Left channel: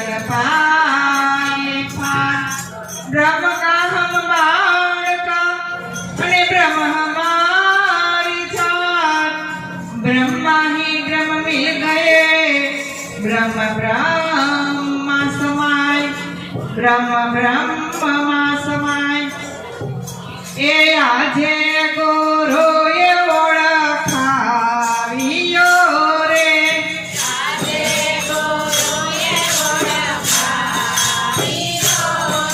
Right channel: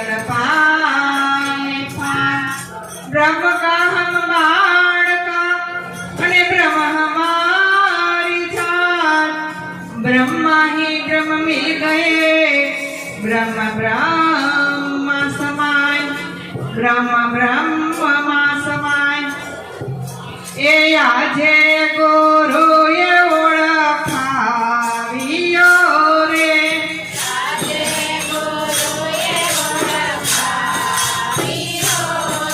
तन पाए ब्रह्म का हम बालका अने ब्रह्म हमारी जान ब्रह्मा ही ब्रह्म मिल गए ब्रह्म ब्रह्म समाय ब्रह्म ब्रह्म समाय ए आजे गुरु ये ओळखावियो रे आजे गुरु ये ओळखावियो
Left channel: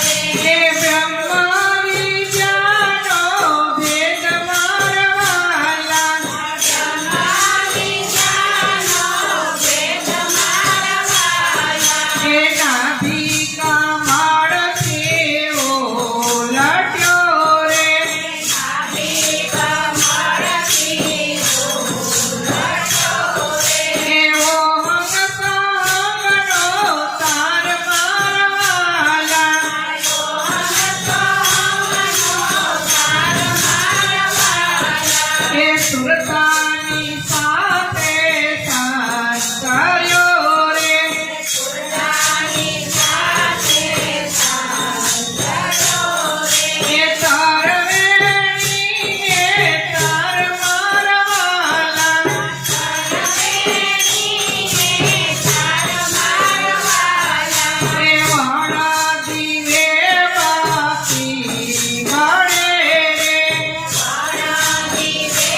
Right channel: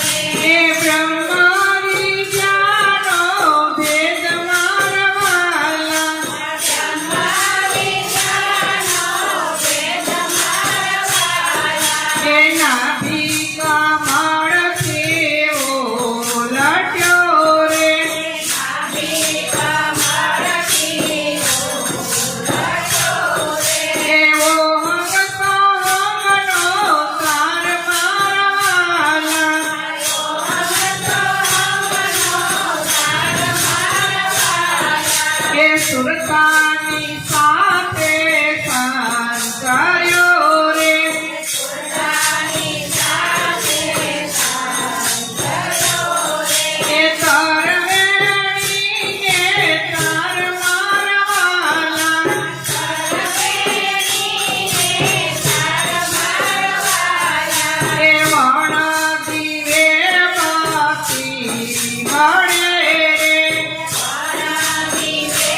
रे ए ब्रह्म विज्ञानो भेद मारवाला ब्रह्म विज्ञानो भेद मारवाला ए नाभि का माळ केवो लट्यो रे नाभि का माळ केवो लट्यो रे ए ओम कामनो तार मारवाला ओम कामनो तार मारवाला ए सुरतानी साथे संस्कार्यो रे सुरतानी साथे संस्कार्यो रे ए तार वेणी ए तार मारवाला तार वेणी ए तार मारवाला ए वाणा दिवे बाती મળે રે વાણા દિવે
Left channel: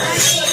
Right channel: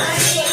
હરિ